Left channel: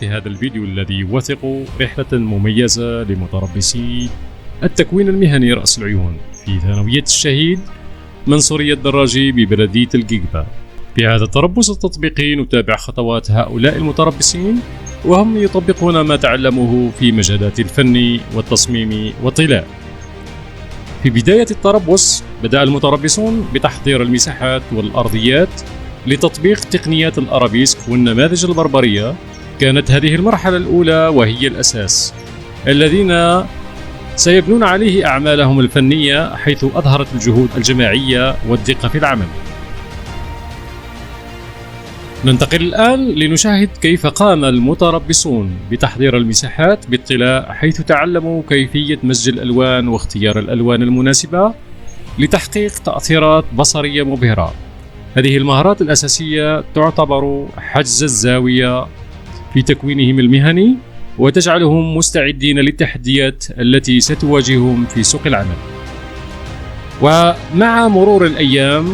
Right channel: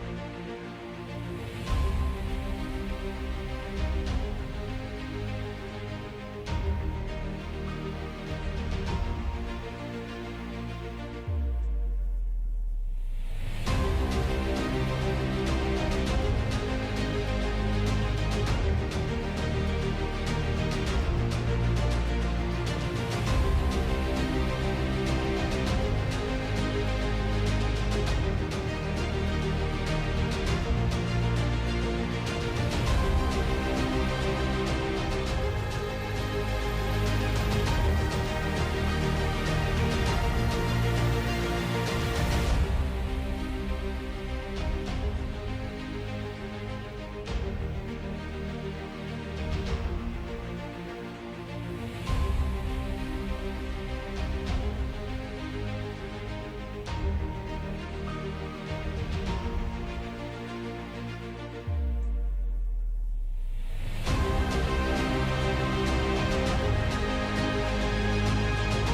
في هذا الفيديو الذي يوثق رحلة مميزة لمتربصي التكوين المهني رأس العيون في ثانوية الشهيد منصورية الدراجي ببلدية الجيجبا. في هذا التربص التطبيقي نتابع خطوات هؤلاء المتربصين وهم يطبقون ما تعلموه في مجالات الفن والتصميم والطلاء. في بداية التربص بدأ المتربصون بتحضير المساحات والأرضيات لتطبيق تقنيات الأرابيسك والنماذج البربرية. كانت هذه المرحلة الأولى وهي الأساس الذين سيبنون عليه أعمالهم الفنية، حيث أظهرت الجهود الجماعية والدقة في العمل. ننتقل الآن لنشاهد كيف قام المتربصون بتحضير المساحات بالطلاء، حيث تعلموا كيفية مزج الألوان واختيار الألوان المناسبة لتحقيق تأثيرات بصرية مبهرة. هذه المهارات الأساسية تعتبر حجز الزاوية في تكوينهم المهني وتجعلهم مستعدين للتحديات التي ستواجههم في سوق العمل. ومع مرور الأيام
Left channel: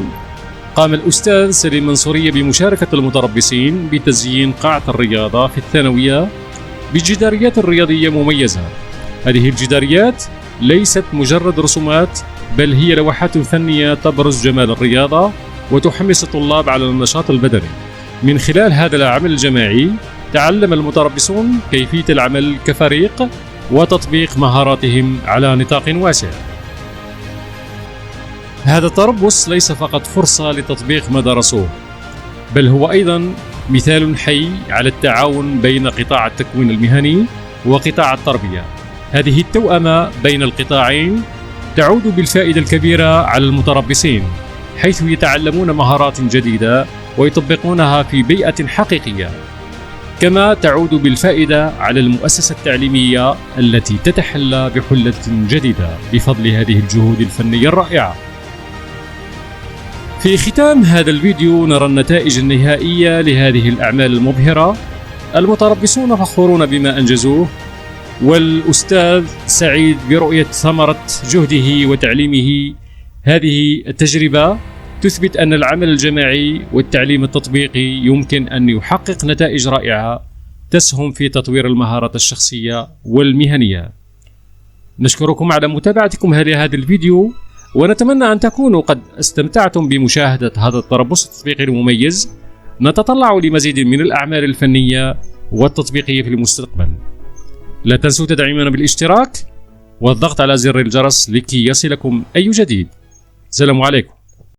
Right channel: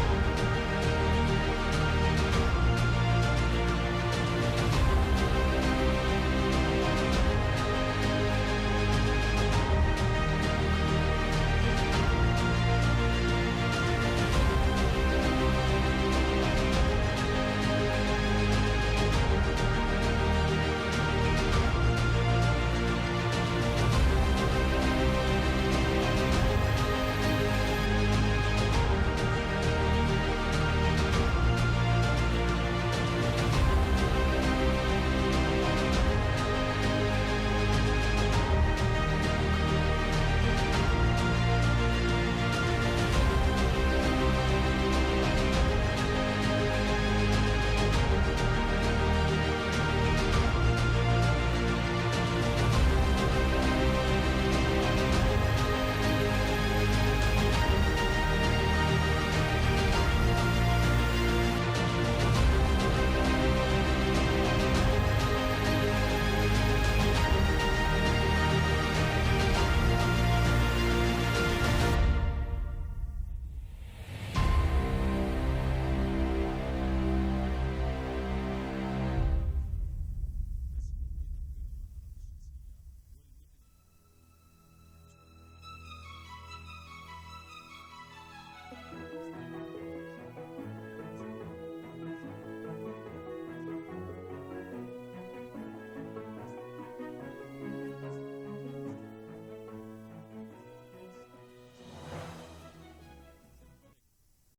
قام الأستاذ سليم منصورية بمشاركة المتربصين بتزيين قاعة الرياضة في الثانوية بجداريات رياضية مميزة. هذه الجداريات ليست مجرد رسومات، بل هي لوحات فنية تبرز جمال الرياضة وتحمس الطلاب على النشاط البدني. من خلال هذا العمل الجماعي تعلم المتربصون كيفية العمل كفريق وتطبيق مهاراتهم على نطاق واسع. هذا التربص ليس فقط فرصة لتطبيق ما درسوه، بل هو أيضا مثال حي على التعاون بين قطاع التكوين المهني وقطاع التربية. هذه التوأمة بين القطاعين تعود بالفائدة الكبيرة على المتربصين، حيث يتعلمون مهارات جديدة ويطبقونها في بيئة حقيقية، كما تعود بالفائدة على المؤسسة التعليمية التي تتحلى بحلة جديدة بفضل هذه الجهود الفنية الرائعة. في ختام هذا الفيديو نرى النتائج النهائية لهذه الأعمال المبهرة. المتربصون فخورون بما أنجزوه، والأستاذ سعيد برؤية ثمرة جهده وتعليمه. هذه التجربة تثبت أن العمل الجماعي والتعليم التطبيقي يمكن أن يحقق نتائج رائعة تسهم في تطوير المهارات الشخصية والمهنية. نشكركم على متابعتكم هذا الفيديو، ونتمنى أن تكونوا قد استمتعتم بمشاهدة هذا التربص التطبيقي المميز. نتطلع لمزيد من الأعمال الفنية والتطبيقية في المستقبل. لا تنسوا تدعيمنا بالاشتراك والضغط على زر الجرس لكي يصلكم أي جديد. السلام عليكم.